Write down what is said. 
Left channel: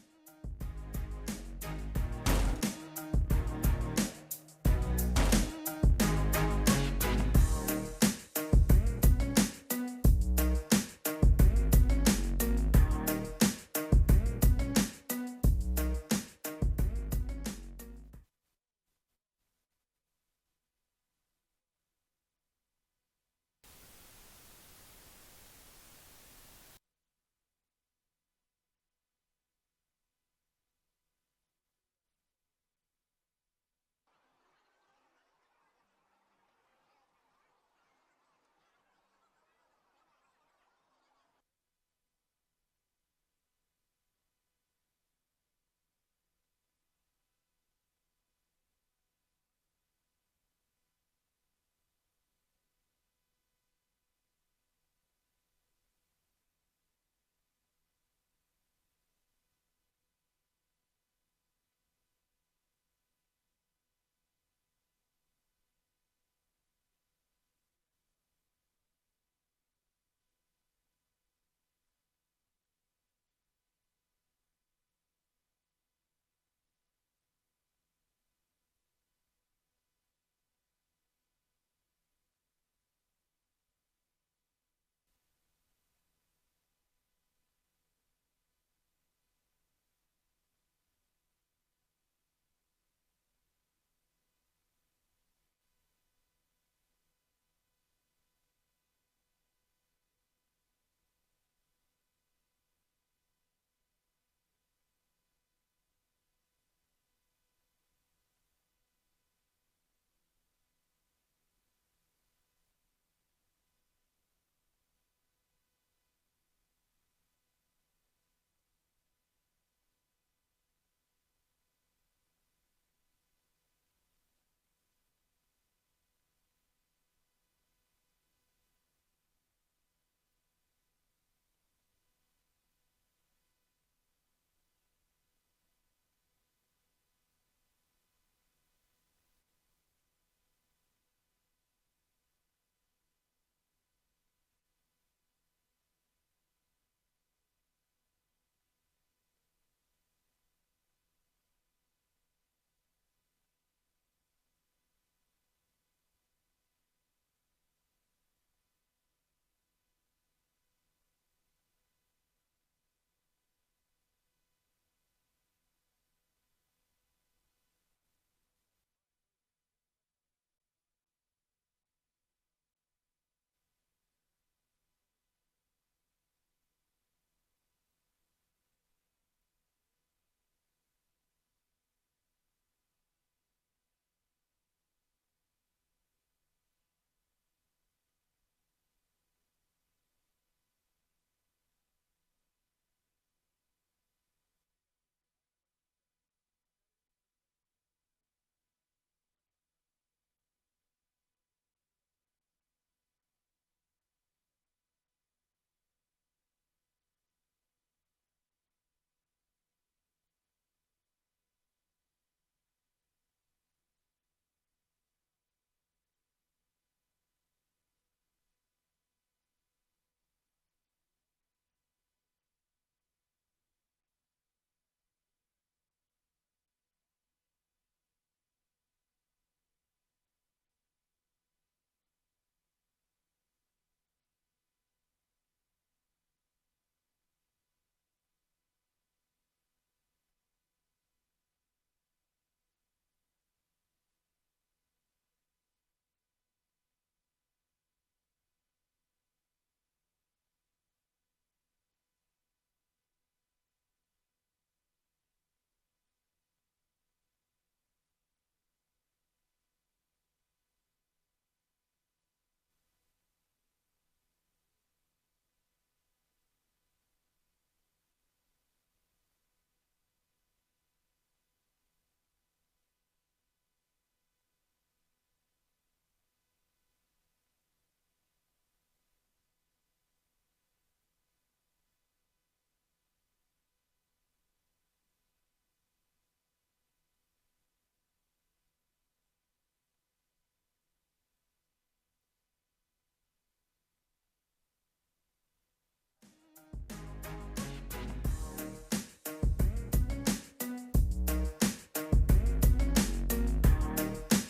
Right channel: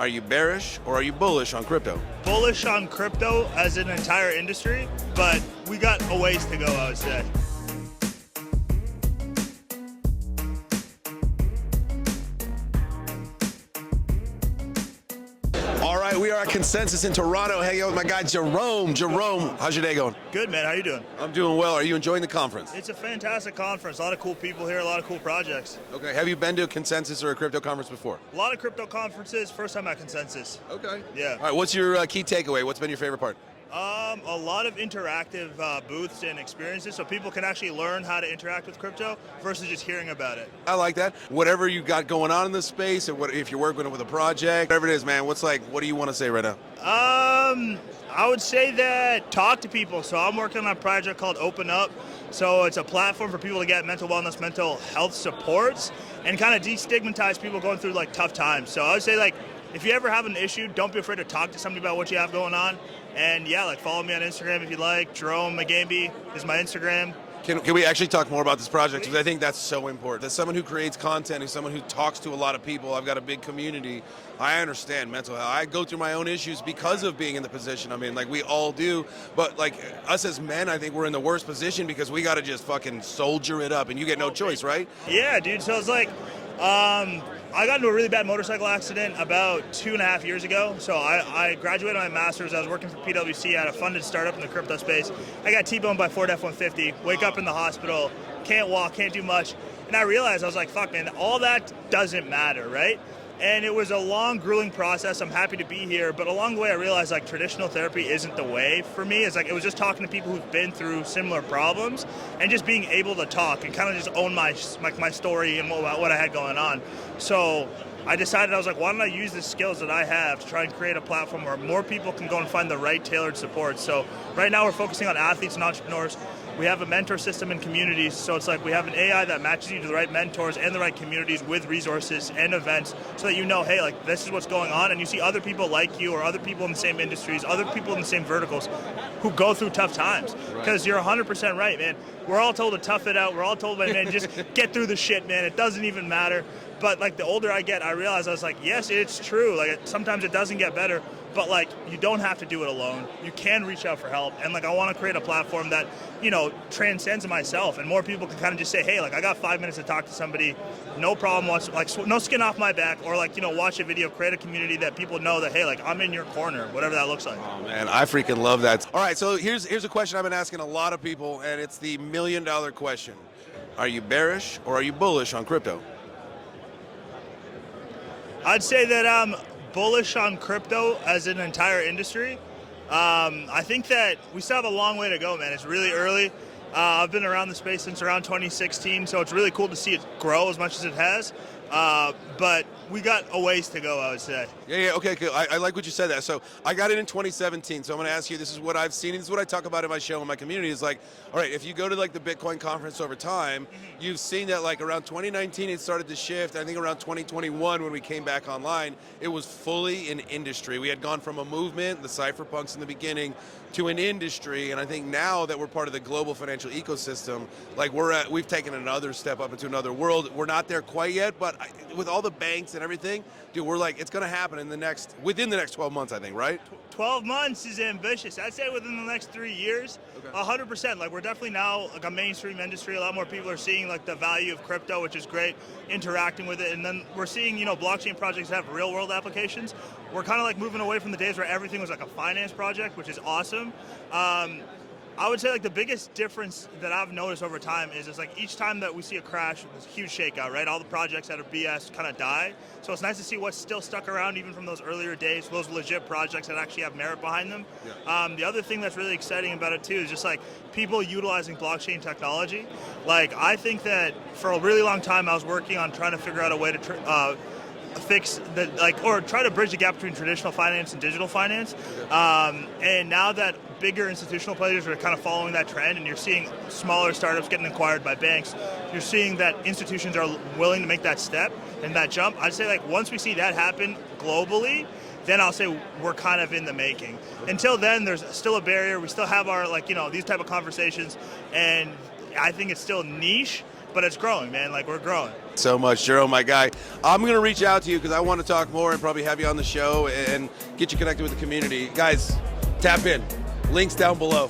Are you bearish or are you bullish on crypto? Bullish on crypto as an entire industry, but we got a ways to go, I would say. All right, we are at Consensus in Toronto, hanging out with my guy Jerome. Jerome, how's your day going? Good, man. How you doing? I'm doing well. Are you enjoying the conference? It's a fantastic conference. A lot of cool people here, a lot of cool projects. Okay, have you been to a Consensus or a crypto conference before? A lot of crypto conferences, first time at Consensus. Okay. Yeah. All right, what's your key takeaway? What's been your favorite part? A lot of interactive booths and experiences, so people can actually learn how to interact with crypto versus just hearing about it. I like that. Whatever you got going on in this space, or what, if you're working with a project, whatever it is, man, what do you want to say right now? I would say that talk to people. So I'm working on a project called Open Up. So it's a platform for people to get mental wellness, mental health supports, and kind of destigmatize people going through like tough times. So I would say like, if you ever have an issue, don't be afraid to talk to somebody about what you have going on. And yeah, like follow me on Instagram if you like. Jerome Mugambi is my Instagram. Can we actually talk more about this project? Because I think that's so important. As someone who creates content, as someone who talks to a lot of people, I've got a big community. I understand mental health. I go through my own issues because of being in the position I'm in. Like we all do. But like us as men, I think we're in the worst position because we got to just fucking soldier it up, and you get no choice, right? Yeah, dude. So it's like, I got into a really bad motorcycle accident about 2.5 years ago. So I graduated my master's. I was working for PwC. I had a funded startup in the crypto space. I got T-boned by Ford F-150, wake up in the hospital, can't walk, can't do much. And I realized, I was like, fuck, man, all that doesn't matter, right? And it was a long, grueling process. I'm happy to be here. But along the way, I realized like traditional therapy isn't the way for me. It's like it was just talking to people who've been through similar problems and just being able to talk and kind of just own my story and what I had going on. So I decided, I was like, why don't I use the skills that I have to try and create a platform where more people can go and find the right tailored support. So right now we're focusing on athletes and entrepreneurs. We have a mentor system and communities, so it's like we have an AI that matches you to the right mentors and the right communities with resources and events so that you know, hey, like this is what's going on, and you see other people like you or other people in the same industries, other people in the same verticals who go through tough times. Because you're 100% right, man. We're all told to tough it out. We're all told, man, just get through the shit, man. It doesn't even matter. But like the older I get, I realize I was like, yes, it's true. Like sometimes it doesn't get better, but like you don't have to do it alone. You can reach out for help. And like I want to create a platform that, you know, transcends myself, and more people can kind of just say, hey, like I got 5 minutes to talk to somebody, no problem, like no skin off my back, or like, you know, watch a video, create a community that people know that, hey, like I'm in your corner, whatever that looks like. Oh man, I freaking love that. All right, so here's a question I've been asking a lot of people, and it's the $1 million question. Are you bearish or are you bullish on crypto? I'd say that I'm bullish on crypto as an entire industry. I think that we still have a long way to go, man. It's really early. I've been around the space since around 2016, so it's really cool to see it grow as much as it has. But we got a ways to go, I would say. Yeah, okay, cool. I like what you said that. So I got it in 2017, so I'm going to ask you, this is what I've seen, and this is what I talk about in my show, in my community, is like, all right, if you go to like the Bitcoin conference over time, you've seen that like around 2019 it started to shift. I think around 2021 when we came back online, it was fully an industry. We had gone from a movement, the cypherpunks in the beginning, to an industry, and I think now that we're part of the global financial ecosystem, like we've taken another step up into another world. We're not there quite yet, but with all the banks and everything, dude, we're like, it's going to happen within the next 12 months, I think, right? 12 months is ambitious. I'd say within the next 3 years, 100%. Like we're definitely now like a mainstream industry. A lot more people are seeing like the value of crypto, which is great, interacting with it. And then we're seeing, you know, blockchain projects have real world applications. We're kind of like moving away from the days where everything was like a finance project, which is awesome. I would say like the biggest difference that I've noticed over time is it's like each time that we see a crash, there's a huge shakeout, right? All the projects that are BS kind of die. So it's nice to see what's still stuck around even from those earlier days, those legit projects that actually have merit behind them. Yeah. The other thing that's really exciting about it too is just like people utilizing blockchain technology. Like I think that for a really long time I was working on trying to figure out a way to fix the or try to bridge the gap between traditional finance and digital finance. And now that bigger institutional players are kind of following that trend, and you're seeing smaller startups getting acquired by banks, you're seeing that institutions are willing to make that step and that jump. I'd say like once we see that happen globally, then I'll say we're kind of in the making. Until then, there's still a barrier. We still have our these type of conversations, and I think it's still niche. but it's growing, man. Like, we're growing. So much, Jerome, my guy. I'm going to reach out to you because I want to talk more and probably have you on the show and get you connected with the community. Guys, tap in. Links down below.